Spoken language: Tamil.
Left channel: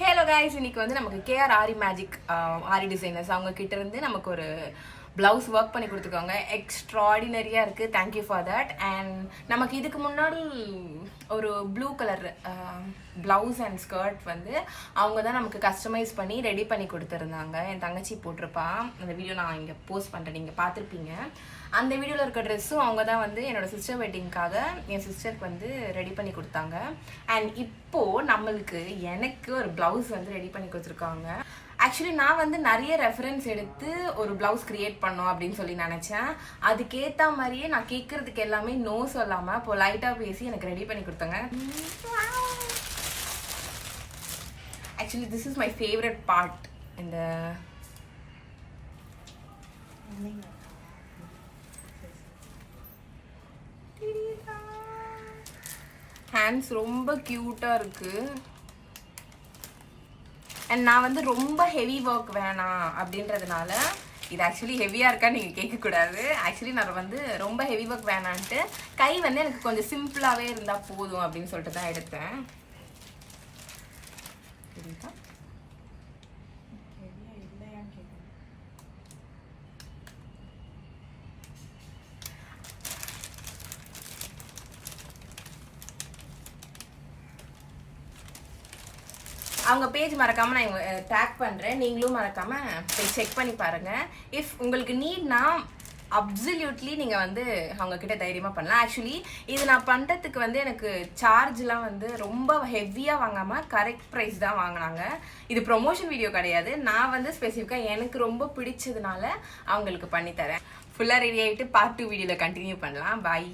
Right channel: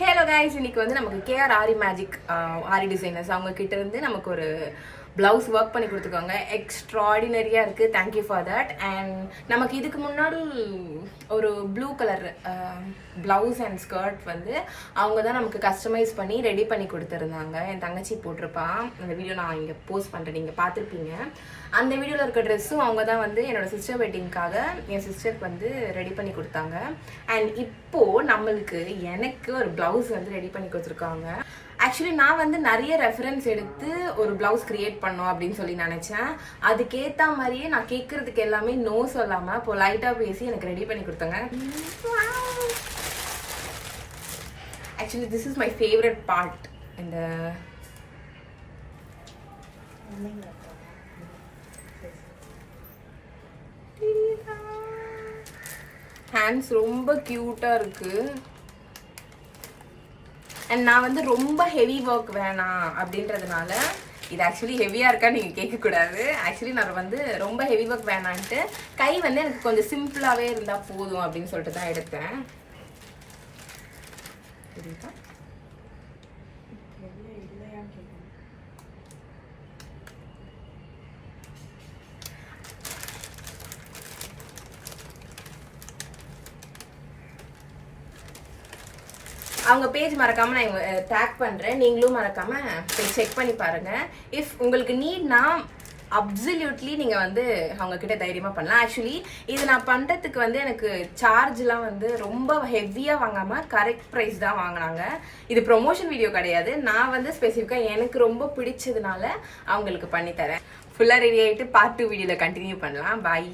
ஹலோ கைஸ், இன்னைக்கு வந்து நமக்கு கேஆர் ஆரி மேஜிக் ஆரி டிசைனர்ஸ் அவங்க கிட்ட இருந்து நமக்கு ஒரு பிளவுஸ் ஒர்க் பண்ணி கொடுத்துருக்காங்க. எக்ஸ்ட்ராடினரியா இருக்கு. Thank you for that. அண்ட் நமக்கு இதுக்கு முன்னாடி ஒரு blue colour blouse and skirt வந்து அவங்க தான் நமக்கு கஸ்டமைஸ் பண்ணி ரெடி பண்ணி கொடுத்துருந்தாங்க. என் தங்கச்சி போட்டிருப்பான். அந்த வீடியோ நான் இங்கே போஸ்ட் பண்ணுறேன், நீங்கள் பார்த்துருப்பீங்க. அந்த வீடியோவில் இருக்க ட்ரெஸ்ஸும் அவங்க தான் வந்து என்னோட சிஸ்டர் வெட்டிங்காக என் சிஸ்டருக்கு வந்து ரெடி பண்ணி கொடுத்தாங்க. அண்ட் இப்போது நம்மளுக்கு எனக்கு ஒரு பிளவுஸ் வந்து ரெடி பண்ணி கொடுத்துருக்காங்க. ஆக்சுவலி நான் வந்து நிறைய ரெஃபரன்ஸ் எடுத்து ஒரு பிளவுஸ் கிரியேட் பண்ணோம் அப்படின்னு சொல்லி நினைச்சேன். அதுக்கேற்ற மாதிரியே நான் கேட்கறதுக்கு எல்லாமே நோ சொல்லாம பொலைட்டா பேசி எனக்கு ரெடி பண்ணி கொடுத்தாங்க. Actually this is my favourite part. இந்த ஹேண்ட்ஸ் ரொம்ப கியூட்டா இருக்கு. அண்ட் நான் வந்து ரொம்ப ஹெவி ஒர்க் வேணாம் அப்படின்றதுனால, இது ஆக்சுவலி ஹெவியா இருக்கா நீங்க கேட்க கூடாது. ஆக்சுவலி நான் வந்து ரொம்ப ஹெவி ஒர்க் வேணான்ட்டு கை வந்து எனக்கு கொஞ்சம் சிம்பிளாவே இருந்தா போதும் அப்படின்னு சொல்லிட்டு தான் எடுத்தேன். அவங்க பேஜ் மறக்காம நான் டேக் பண்றேன், நீங்களும் மறக்காம போய் செக் பண்ணி பாருங்க. இஃப் உங்களுக்கு நீட்னா அப்சல்யூட்லி நீங்க வந்து அவங்க கிட்ட தைரியமா பண்ணலாம். ஆக்சுவலி இது நான் பண்றதுக்கு வந்து எனக்கு சார்ஜ்லாம் வந்து ரொம்ப ஹெவியா வாங்காம கரெக்ட் ப்ரைஸ் தான் வாங்கினாங்க. இது ப்ரொமோஷன் வீடியோ கிடையாது. நான் வந்து ஸ்பெசிஃபிக்கா எனக்கு ரொம்ப பிடிச்சதுனால அவங்களுக்கு பண்ணி தரேன். ஃபுல்லா ரெடி ஆயிட்டு பார்ட் 2 வீடியோல கண்டினியூ பண்ணலாம். பாய்.